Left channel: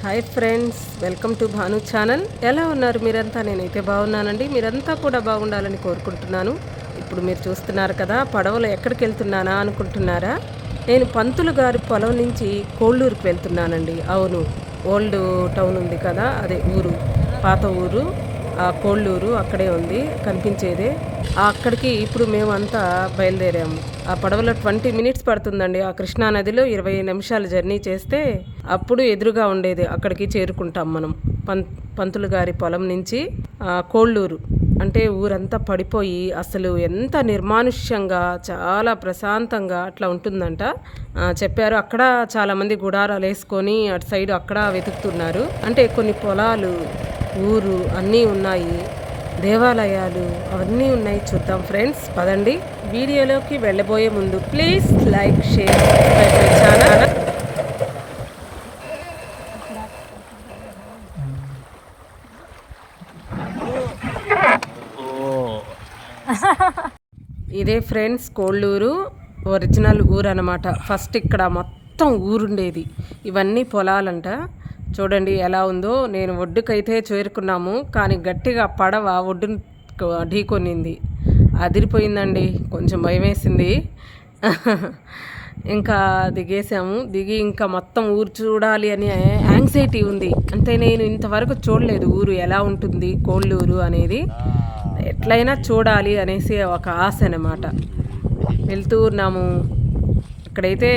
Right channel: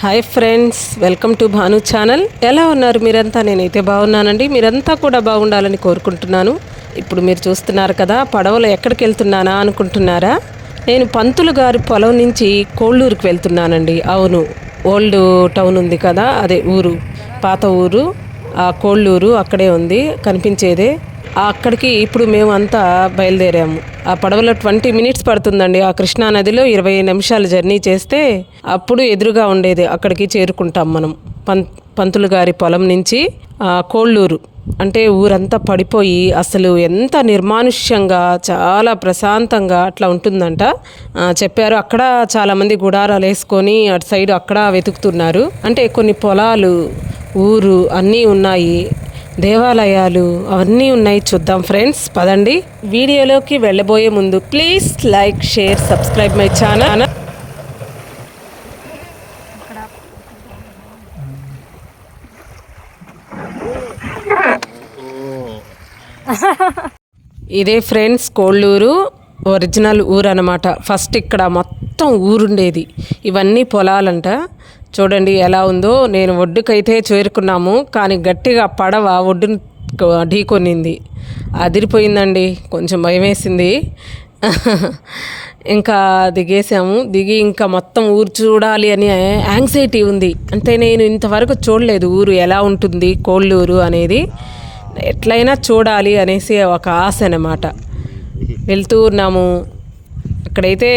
Hi friends welcome to Bhanu channel. ఎలా ఉన్నారు మీరంతా? నేనైతే బాగున్నానండి. మీరంతా కూడా బాగుండాలని కోరుకుంటున్నాను. ఇప్పుడు మీరు చూస్తున్నారు కదా పడవలో ఎక్కడికి వెళ్తున్నానా అనుకుంటున్నారా? నేను పంతులు గారి పొలం నుంచి కోళ్ళూరుకి వెళ్తున్నానండి. అవును ఓల్డ్ టౌన్ ఉంది కదా అదే ఊరు పాత ఊరు ఆ కోళ్ళూరు అక్కడే ఉంది కనిపించేదే. అక్కడికి ఇప్పుడు మేము అంతా బయలుదేరాము. ఆ పడవలో ట్వంటీ మినిట్స్ పడుతుందండి. ఆ కృష్ణా నదిలో ఇరవై నిమిషాలు జర్నీ చేస్తే అప్పుడు ఎదురుగా ఉండేది అక్కడికి చేరుకుంటాం మనం. పం పంతులు గారి పొలం నుంచి కోళ్ళూరు. అంటే ఊరంతా పడిపోయి అసలు ఎంత నిర్మానుష్యంగా చాలా ప్రశాంతంగా అట్లా ఉంటుందంట. చెప్పారు అక్కడ చాలామంది గుడారాలు వేసుకొని అటు సైడ్ అక్కడ వెతుకుతున్నారు. అంటే కొన్ని పొలాలు ఊరు అన్నీ ఉన్నాయి. దేవాలయాలు అవన్నీ ఉన్నాయి చూద్దాం ఫ్రెండ్స్. పదండి. వీడియోలోకి వెళ్ళబోయే ముందు please like share subscribe my channel. ఇదే ఫ్రెండ్స్ కోళ్ళూరు. ఒరిజినల్ ఊరు అనమాట ఫస్ట్ ఇక్కడ మొత్తం ఊరుండేది. ఇవన్నీ పొలాలంట. చూడండి ఎలా ఉందో. నేను ఒడ్డుకైతే చేరుకున్నాము కానీ గట్టిగా పడవ ఒడ్డును ఢీకొనింది. అదిరిపోయిందండి కొంచెం భయం వేసింది ఇంకా దిగేసాము దిగి ఇంకా మొత్తం ఊరు చూడాలి అని యాంగ్జైటీ ఉంది. అంటే నేను ఇంతవరకు చూడలేదు ఊరు ఎలా ఉంటుంది కోళ్ళూరు అనేది. ఎట్లయినా చూడాలి అనేసి ఒక ఆశ అన్నమాట. వెళ్తూ ఉన్నాము. అక్కడైతే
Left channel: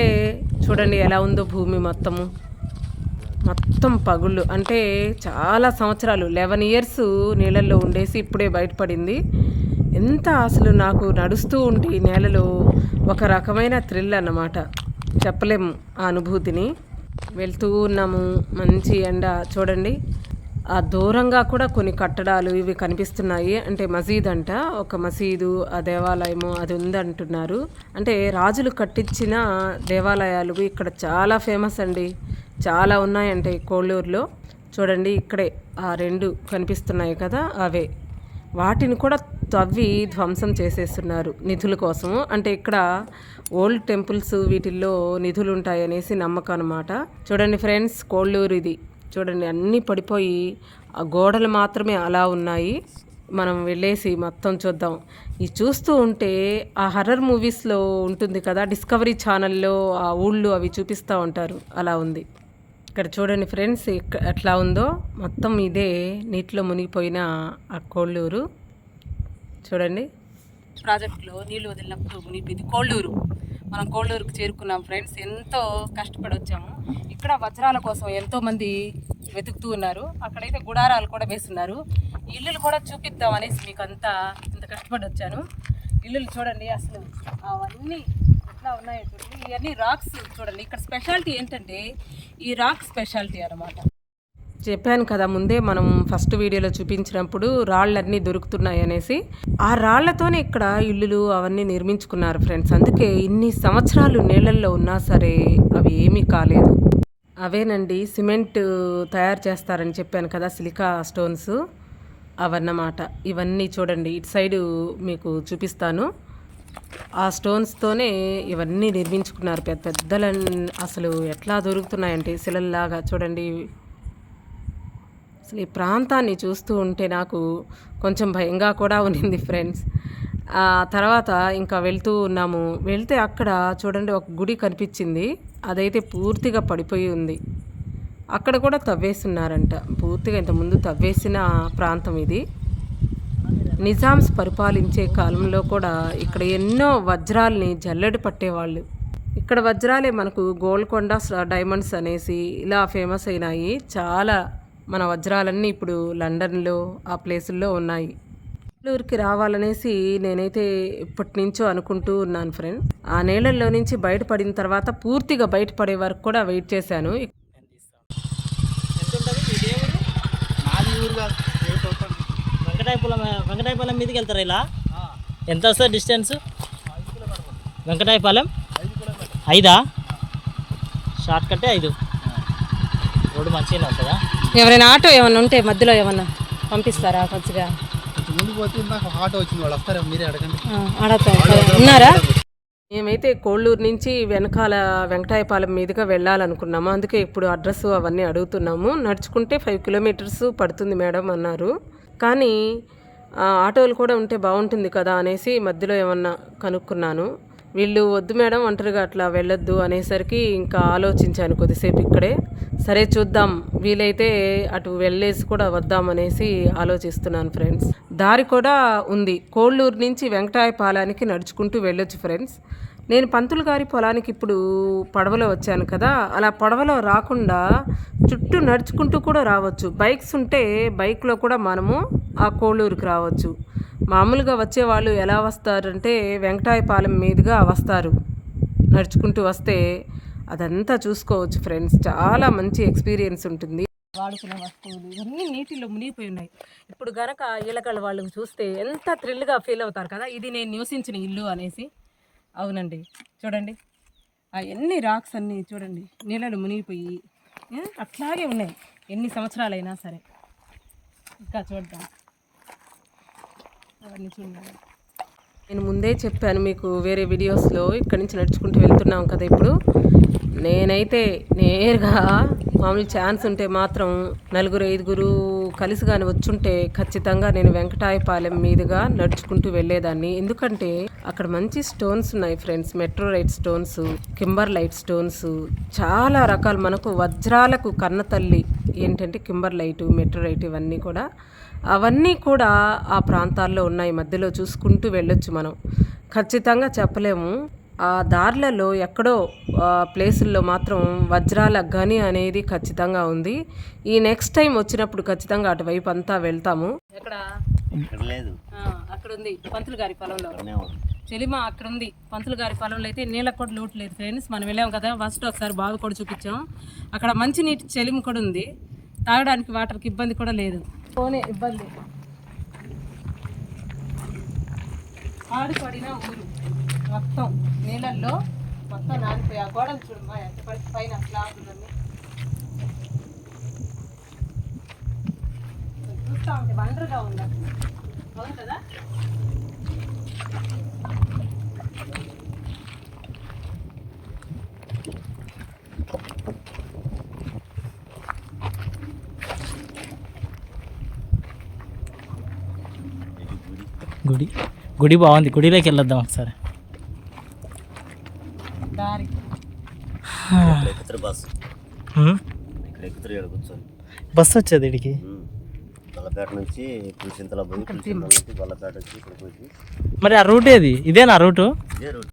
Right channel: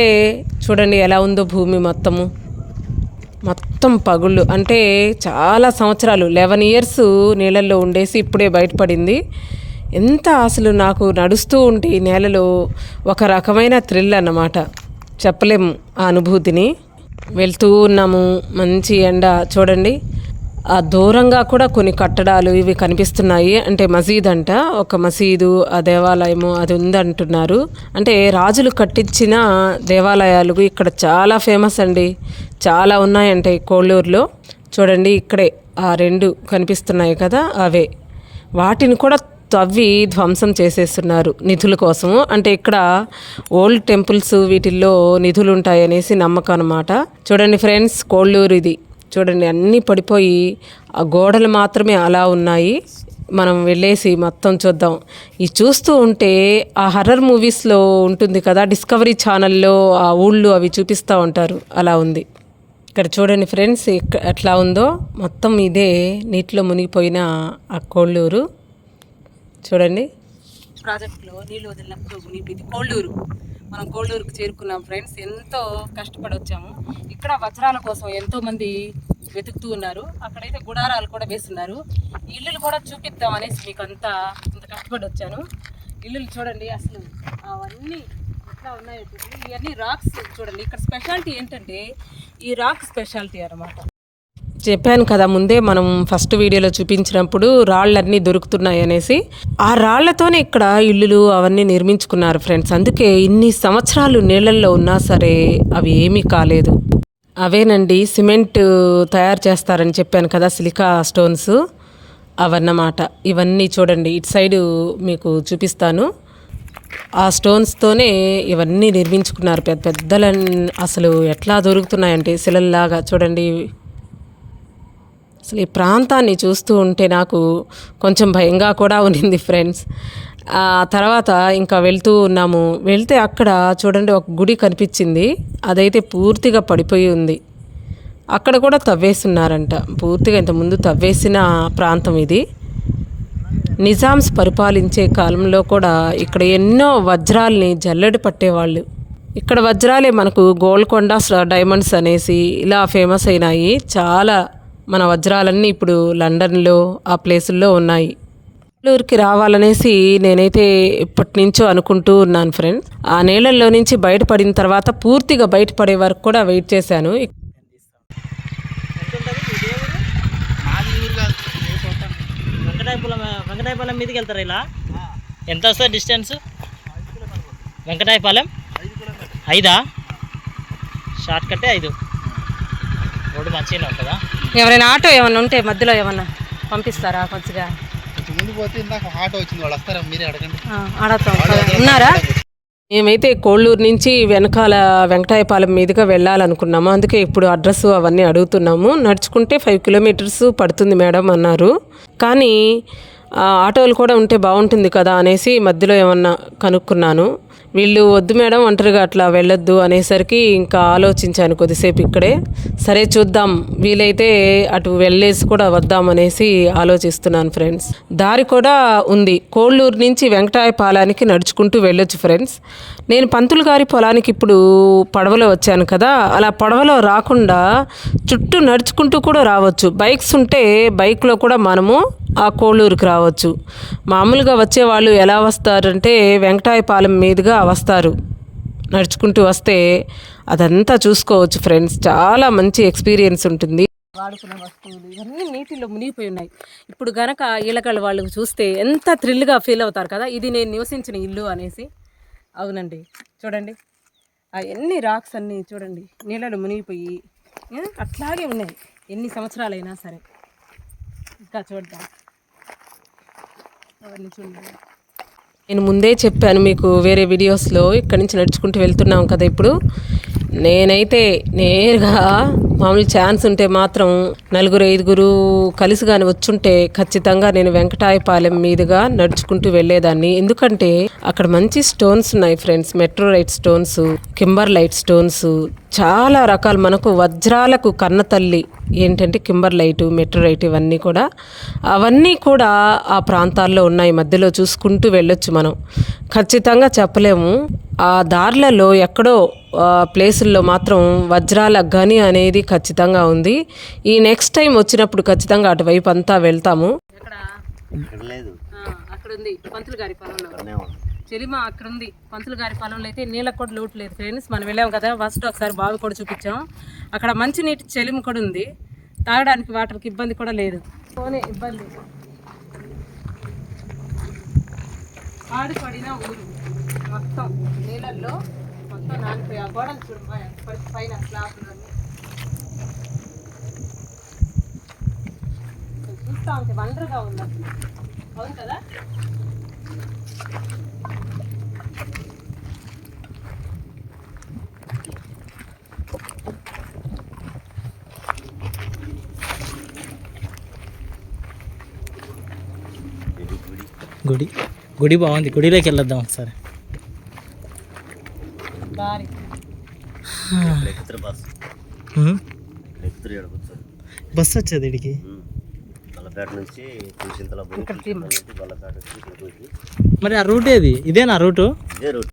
చూడండి ఎలా ఉందో భూమి మొత్తము. మొత్తం పగుళ్ళు. అంటే చాలా సంవత్సరాలు లెవెన్ ఇయర్స్ నీళ్ళల్లో ఉండేసి ఇప్పుడే బయటపడింది. ఎంత అసలు నాకు నడుస్తూ ఉంటే ఈ నేలలో ఒక రకమైన థ్రిల్ అన్నమాట. చెప్పలేము ఆ అనుభూతిని. వెళ్తూ ఉన్నాము మంచి ఎండ. చూడండి ఆ దూరంగా కూడా కొన్ని కట్టడాలు ఇవి కనిపిస్తున్నాయి. అంటే మసీద్ అంట ఒక మసీదు ఆ దేవాలయము అది ఉందంటున్నారు. అంటే రాజులు కట్టించిన దేవాలయాలు ఇక్కడ చాలా ఫేమస్ అండి. చాలా ఉన్నాయంటే ఈ కోళ్ళూరులో. చూడండి ఇక్కడే ఆ రెండు కనిపిస్తున్నాయి కదా అవే. వాటిని కూడా తవ్వి ధ్వంసం చేసేస్తున్నారు నిధుల కోసము. అంటే ఇక్కడ ఓల్డ్ టెంపుల్స్ వీటిల్లో నిధులు ఉంటాయనేసి నమ్మకం అనమాట చూడండి ఫ్రెండ్స్ కోళ్ళూరు ఇది. చూడండి అన్నీ పడిపోయి ఆ గోడలు మాత్రమే అలా ఉన్నాయి. మనం వెళ్ళేసి మొత్తం చూద్దాం. ఇది చూస్తూ ఉంటే ఆ హర్రర్ మూవీస్లో ఉంటుంది కదా డిస్కవరీ ఛానల్లో ఆ ఊళ్ళు అవి చూపిస్తూ ఉంటారు. అలా ఉంది. ఇక్కడ చూడండి ఫ్రెండ్స్ ఎట్లా ఉందో. మొత్తం ఇదే నీటిలో మునిగిపోయిన ఆ కోళ్ళూరు. చూడండి. ప్రాజెక్టులో నీళ్ళు వదిలినప్పుడు మునిగిపోయింది కోళ్ళూరు. మనం కోళ్ళూరుకు చేరుకున్నాం ఫ్రెండ్స్. ఎంతో కష్టపడి వచ్చాము. ఇక్కడ వజ్రాల కోసం ఎంతోమంది వెతుకుతూ ఉన్నారు. అక్కడైతే గుడారాలు కూడా వేస్తున్నారు. ఇల్లులు కూడా చూపిద్దాం అనేసి మీకు అంతా ఇంత కష్టపడి వచ్చాను. ఇల్లులు చూడండి అసలు. అవన్నీ ఎట్లా ఉన్నాయో చూడండి ఇవన్నీ రాక్స్ చూడండి. ఇక్కడ స్పెషాలిటీ ఏంటంటే ఈ రాక్ స్పెషాలిటీ అనమాట చెప్పాను కదా ముందే మనం ఫస్ట్ వీడియోలో చూపించినప్పుడు రాళ్ళన్నీ దొరుకుతున్నాయి అనేసి. ఆ రాళ్ళతోనే ఇక్కడ ఇల్లులు అవన్నీ నిర్మించుకున్నారు ఫ్రెండ్స్ అందుకే ఇన్ని సంవత్సరాలు నీళ్ళల్లో ఉన్నా సరే అవి ఏమీ కాలేదు. అవేనండి సిమెంట్ తయారు చేస్తారని చెప్పాను కదా సిలికా స్టోన్స్ అవన్నమాట. ఇవన్నీ చూడండి. ఇటు సైడు మీకు చూపిస్తాను. ఆ స్టోన్స్తోనే ఇవన్నీ నిర్మించుకున్నారు. పెద్ద పెద్దల అసలు ఎట్లా దొరుకుతున్నాయంటే శిలల్లాగా చూడండి. అసలు ఈ ప్రాంతాన్ని చూస్తూ ఉంటే నాకు కొంచెం భయంగా కూడా ఉన్నింది ఫ్రెండ్స్ ఆ తర్వాత ఇంకా వెళ్తూ ఉన్నాము. వెళ్తే అక్కడ చూడండి ఒక గుడి కనిపించింది. అదైతే పూర్తిగా పడిపోయి ఉంది. అక్కడ కూడా తవ్వేస్తున్నారంట. పూర్తిగా ఇంతకుముందు తవ్వేసిన ప్రాంతం ఇది. నిజామ్స్ పరిపాలించే కాలంలో కూడా ఇక్కడ ఎన్నో వజ్రాల్ని జల్లెడ పట్టేవాళ్ళు. ఇక్కడ వజ్రాలే మనకు గోల్కొండ డైమండ్స్ అనేసి ఇలా ఫేమస్ అయినాయి. చాలా మన వజ్రాలన్నీ ఇప్పుడు లండన్లో ఆ ప్లేసుల్లో ఉన్నాయి. బెంగళూరుకి రావాలనేసి నేనైతే ఇప్పటి నుంచో అనుకుంటూ ఉన్నాను ఫ్రెండ్ ఆ నీళ్ళల్లో నుంచి బయటపడిన తర్వాత పూర్తిగా బయటపడే వరకు కూడా వెయిట్ చేశాను మాది ఊరు కాదు వెంకటాయపురం వెంకటాయపాలెం మీదకి వెళ్తారా ఇలా? ఎంత వస్తుంది డిస్టెన్స్? వెంకటాయపాలెం? ఐదా? షార్ట్ కట్టే ఐదు. రోడ్డు మంచిగానే ఉంటుందా? ఎవరైనా ఆటో ఏమన్నా ఉంటే మధ్యలో ఏమన్నా పంపిస్తారా కొద్దిగా? ముందు పోతే ఇందాక ఆటో వచ్చింది వాళ్ళు వస్తారా? మీరే అడగండి. ఆడతాం ఉన్నారా? మేమైతే కోళ్ళూరు నుంచి వెనకాల వెంకటాయపాలెం మీదుగా వెళ్ళాలనుకున్నాము. అందుకే ఇప్పుడు అడ్రస్ అవన్నీ అడుగుతున్నాము. నడుచుకుంటే ఫైవ్ కిలోమీటర్స్ పడుతుంది మేడం అన్నారు. కానీ ఆటోలు కూడా ఉంటే బాగుంటుంది కదా అనేసి మధ్యలో ఏమన్నా కనుక్కున్నాను. వీళ్ళు వద్దు మేడం ఒంటరిగా అట్లా వెళ్ళొద్దు అనేసరికి ఇంకా ఆలోచించాను కొద్దిసేపు ఇక్కడే. సరే చూద్దాం వీలైతే అటు వెళ్ళేసి కూడా వద్దాం అనేసి ఆలోచిస్తున్నాను ఫ్రెండ్స్. దారి కూడా ఉంది. కోళ్ళూరు నుంచి వెంకటాయపాలానికి నడుచుకుంటూ వెళ్ళొచ్చు ఫ్రెండ్స్. నేను పంతులు గారి పొలానికి ఇప్పుడు పడవలో వచ్చాను కదా అలా పడవలో రాకుండా చుట్టూ నడుచుకుంటూ కూడా రావచ్చు. బైక్స్ ఉంటే బైక్లో కూడా మనము ఆ కోళ్ళూరుకి రావచ్చు. మామూలుగా వచ్చే వాళ్ళు ఎలా వస్తారంటే వెంకటాయపాలెం మీదుగా వస్తారు. నడుచుకుంటూ వస్తే అదంతా చూసుకోవచ్చు ఫ్రెండ్స్. చాలా మంచి ఎక్స్పీరియన్స్ ఉంటుంది. వాడుకున్న వస్తువులు ఇవన్నీ నీటిలో మునిగిపోయి ఉన్నాయి. ఇప్పుడు గనక ఈలకళ్ళు వాళ్ళు చూస్తే ఎంత థ్రిల్గా ఫీల్ అవుతారు కదా? ఇది నేను నివసించిన ఇల్లు అనేసి. అవునండి. చూడండి. అవన్నీ ఎన్ని రాక్స్ అన్నీ చూడండి. నీళ్ళలో మునిగిపోయి అట్లాగే ఉన్నాయి. ఎన్ని సంవత్సరాలైనా సరే. ఇంకా చూద్దాం. అవన్నీ చూడండి. నేను ముందే చెప్పాను మీకు వేరే వీడియోస్లో ఇక్కడి నుంచి నడుచుకుంటూ వెళ్తున్నాం కదా ఇప్పుడు. నేనైతే నేరుగా మామూలు ఛాన్స్ ఉంటే మాత్రం నలుగురు ఐదుగురు కలిసి కానీ వచ్చుంటే ఖచ్చితంగా నేను వెంకటాయపాలెం మీదుగా నడుచుకుంటూ వెళ్ళేదాన్ని. ఎందుకంటే అక్కడ మంచి స్టోన్స్ ఉన్నాయి friends. Meteorite stones kimberlite stones చాలా రకాలు మనకు వజ్రాలకు కన్న తల్లి ఏంటంటే కింబర్ లైట్ మెట్రోరైట్ ఇవన్నీ కూడా. అవన్నీ కూడా ఆ ప్రాంతాల్లో ఉన్నాయి. మధ్యలో చూసుకుంటూ వెళ్ళొచ్చు మనం. ఖచ్చితంగా చెప్పలేము. ఆ దారులలో ఎక్కడో ప్లేసుల్లో మాత్రం వజ్రాల గని అనేది ఖచ్చితంగా ఉంది. ఈ నెక్స్ట్ టైం వచ్చినప్పుడు ఖచ్చితంగా అటువైపు అంతా వెళ్తాము. ఇక్కడ లేదు. అక్కడ ఉంది పంతులు గారి పొలంలో చెలిమ అక్కడ ఉంది పంతులు గారి పొలంలో అయితే నీళ్ళకు కూడా లోటు లేదు ఫ్రెండ్స్ మనం వెళ్ళాం కదా ఫస్ట్ ఒకసారి బావి కూడా చూపించాం. అక్కడ మంచి నీటి చెలిమ కూడా ఉంది. తాగడానికి వాటర్కి ఇబ్బంది కూడా లేదు. పోనీ ఇబ్బంది. ఆడిపడిన ఊరు మొత్తం. నీళ్ళల్లో మొత్తం నానిపోయి ఆ గోడలు చూడమ్మా ఎంత పైన స్లాబ్ ఉన్నది. చూస్తా ఉంటే వండర్గా ఉంది? అవును కదా గుడి. గుడి బాగుంది. గుడిలోకి వెళ్ళొద్దాం ఒకసారి. బస్సు వచ్చేది ఇడికి? నుంచి మరి ఆ రూట్ ఏది? ఇదేనా రూటు? ఇదే రూట్.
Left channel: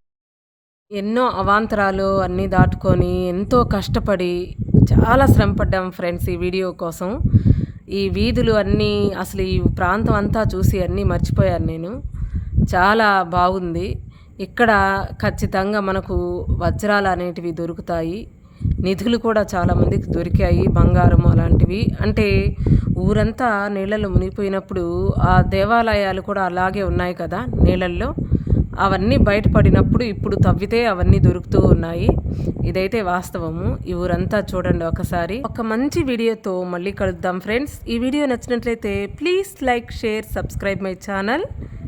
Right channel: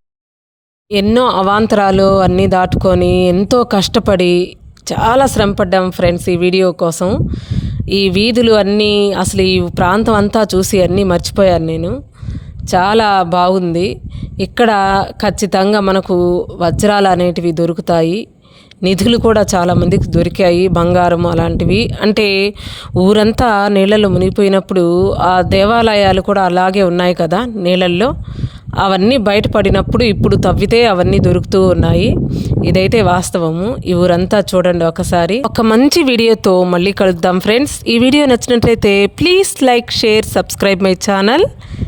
ఎన్నో అవాంతరాలు అన్నీ దాటుకొని ఎంతో కష్టపడి చాలా శ్రమపడ్డాం ఫ్రెండ్స్ ఈ వీడియో కోసం. ఈ వీధులు అన్నీ అసలు ఈ ప్రాంతం అంతా చూసి అన్నీ మర్చిపోయాను నేను. చాలా బాగుంది. ఇక్కడ ఖచ్చితంగా మనకు వజ్రాలు అనేటివి దొరుకుతాయి. నిధులు కూడా చాలామందికి దొరికాయి బంగారం అలాంటివి. అంటే ఊరంతా నీళ్ళలో మునిగిపోయినప్పుడు ఆ దేవాలయాలు కూడా అలాగే ఉన్నాయి కదా నీళ్ళల్లో. అవన్నీ బయటపడినప్పుడు ఇప్పుడు తవ్వితే అవన్నీ దొరుకుతూ ఉన్నాయి. ఇదైతే వాస్తవము. ఈ ఊరంతా చూడండి ఒకసారి. ఒక మంచి వీడియోతో మళ్ళీ కలుద్దాం ఫ్రెండ్స్. ఈ వీడియో నచ్చినట్లయితే please like share subscribe my channel.